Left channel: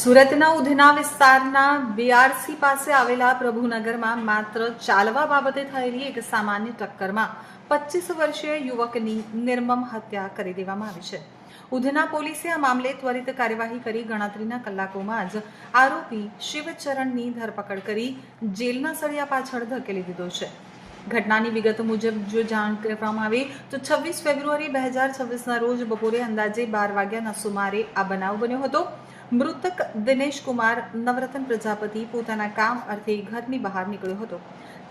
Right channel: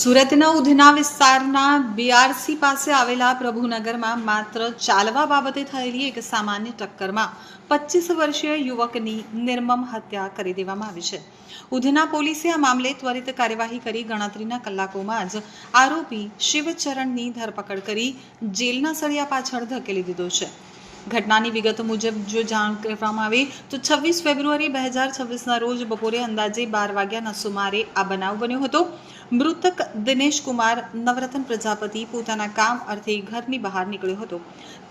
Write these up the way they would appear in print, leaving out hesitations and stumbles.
સુરતના ઉધના વિસ્તારના બીઆરસી પાસે આવેલા પ્રભુનગરમાં માત્ર ચાલવા બાબતે થયેલી એક સામાન્ય ટક્કરમાં 25 વર્ષીય યુવકની નિર્મમ હત્યા કરી દેવામાં આવી છે. ઉધના પોલીસે આ મામલે ત્વરિત કાર્યવાહી કરી ગણતરીના કલાકોમાં જ આરોપી શિવચરણની ધરપકડ કરી જેલના સળિયા પાછળ ધકેલી દીધો છે. ઘટનાની વિગત મુજબ જો જાણ કરવામાં આવે તો 26 ફેબ્રુઆરી 2026ના રોજ બપોરે અંદાજે 12 વાગ્યાના સુમારે આ બનાવ બન્યો હતો. મૃતક દિનેશ કુમાર નવરત્ન પ્રજાપતિ પોતાના કામ અર્થે ઘરની બહાર નીકળ્યો હતો.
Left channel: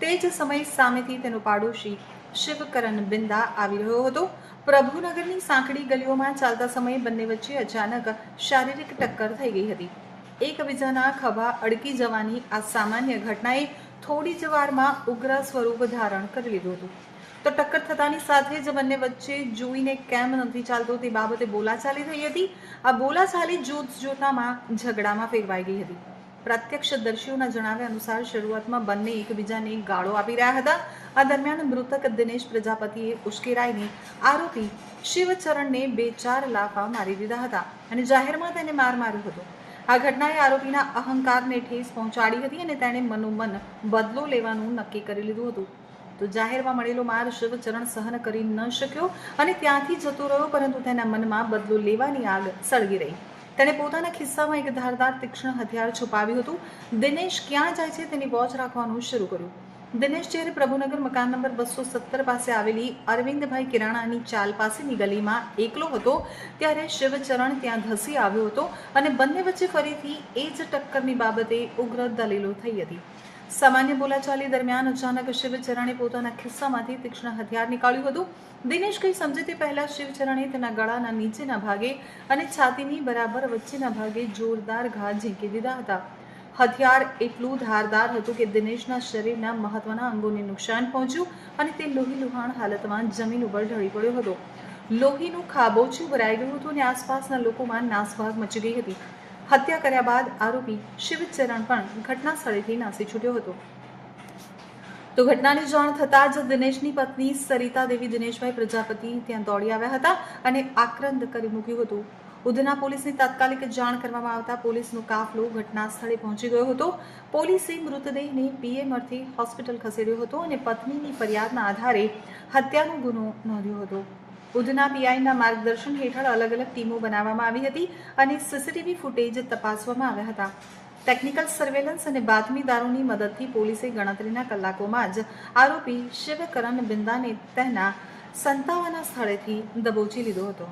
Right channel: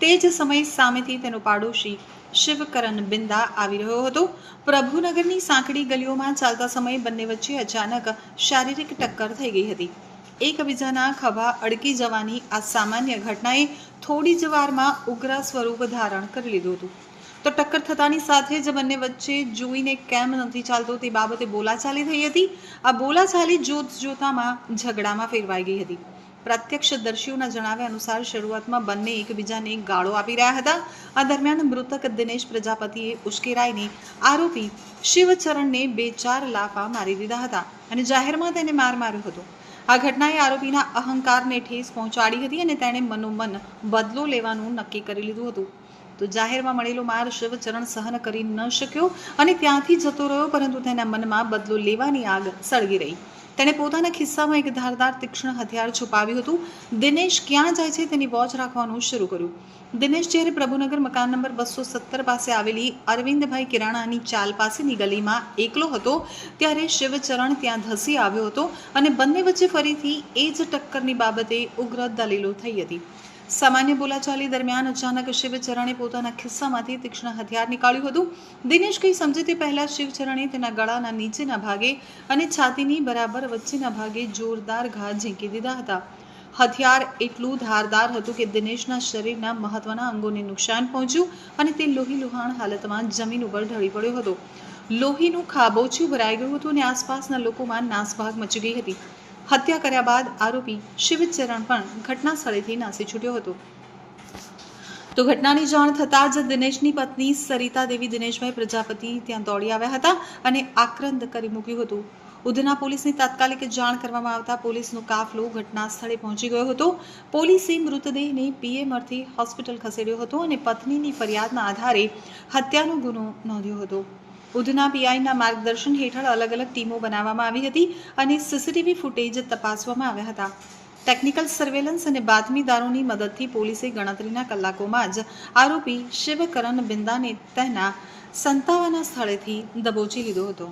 તે જ સમયે સામેથી તેનો પાડોશી શિવકરણ બિંદા આવી રહ્યો હતો. પ્રભુનગરની સાંકડી ગલીઓમાં ચાલતા સમયે બંને વચ્ચે અચાનક શારીરિક ટક્કર થઈ ગઈ હતી. એકબીજાના ખભા અડકી જવાની આ સામાન્ય ઘટનાએ થોડી જ વારમાં ઉગ્ર સ્વરૂપ ધારણ કરી લીધું હતું. તો ટક્કર થતાની સાથે જ બંને વચ્ચે જોઈને કેમ નથી ચાલતો તે બાબતે બોલાચાલી થઈ હતી. આ બોલાચાલી જોતજોતામાં ઝઘડામાં ફેરવાઈ ગઈ હતી. પ્રત્યક્ષદર્શીઓના જણાવ્યા અનુસાર શરૂઆતમાં બંને એકબીજાને ગાળો આપી રહ્યા હતા. આ દરમિયાન મૃતક દિનેશ પ્રજાપતિએ ઉશ્કેરાઈને આરોપી શિવચરણને 2-4 લાફા મારી દીધા હતા અને જાહેરમાં તેને માર માર્યો હતો. આ ઘટનાએ આરોપીના અહંકારને ઠેસ પહોંચાડી હતી અને તેણે મનોમન બદલો લેવાનું નક્કી કરી લીધું હતું. તો જાહેરમાં મળેલો માર શિવચરણ સહન કરી ન શક્યો અને ત્યાંથી જતો રહ્યો, પરંતુ તેના મનમાં બદલો લેવાની આગ સળગી રહી. તેણે પોતાના ખિસ્સામાં એક ધારદાર તીક્ષ્ણ હથિયાર છુપાવ્યું હતું. દિનેશ ક્યાં જાય છે તેની વોચ રાખવાનું શરૂ કર્યું. દિનેશ જ્યારે પ્રભુનગર મકાન નંબર 217 પાસે આવેલી અરવિંદભાઈ કિરાણાની ચાલ પાસેની ગલીમાં એકલો હતો ત્યારે શિવચરણ ત્યાં ધસી આવ્યો હતો અને બંને વચ્ચે ફરીથી એ જ ટક્કરની બાબતે ઉગ્ર દલીલો થઈ હતી. સામાન્ય બોલાચાલી દરમિયાન અચાનક શિવચરણે પોતાના ખિસ્સામાંથી તીક્ષ્ણ હથિયાર નીકાળ્યું હતું. દિનેશ કંઈ સમજે તે પહેલા શિવચરણે તેના ગળાના નીચેના ભાગે અને છાતીની બરાબર વચ્ચેના ભાગે જોરદાર ઘા ઝીંકી દીધા હતા. હથિયાર એટલું ધારદાર હતું કે દિનેશના શરીરના મહત્વના અંગોને નુકસાન પહોંચ્યું અને તે લોહીલુહાણ હાલતમાં જમીન ઉપર ઢળી પડ્યો હતો. લોહીનું ખાબોચિયું ભરાઈ ગયું હતું અને આસપાસના લોકોમાં નાસભાગ મચી ગઈ હતી. હત્યા કર્યા બાદ આરોપી શિવચરણ પણ ઘટના સ્થળેથી નાસી છૂટ્યો હતો. તો ઘટનાની જાણ થતાં જ દિનેશની પત્ની સરિતા દેવી દિનેશભાઈ પ્રજાપતિ ત્યાં દોડી આવ્યા હતા અને આક્રંદ કરી મૂક્યું હતું. ઉધના પોલીસની તાત્કાલિક જાણ કરવામાં આવતા પોલીસનો કાફલો ઘટના સ્થળે પહોંચી ગયો હતો. પોલીસે મૃતદેહને પીએમ અર્થે હોસ્પિટલ ખસેડ્યો હતો અને પત્નીની ફરિયાદના આધારે હત્યાનો ગુનો નોંધ્યો હતો. ઉધના પીઆઈના માર્ગદર્શન હેઠળ અલગ અલગ ટીમો બનાવવામાં આવી હતી અને સીસીટીવી ફૂટેજ તપાસવામાં આવ્યા હતા. ટેકનિકલ સર્વેલન્સ અને બાતમીદારોની મદદથી પોલીસે ગણતરીના કલાકોમાં જ આરોપી શિવકરણ બિંદાને તેના સંતાવાના સ્થળેથી દબોચી લીધો હતો.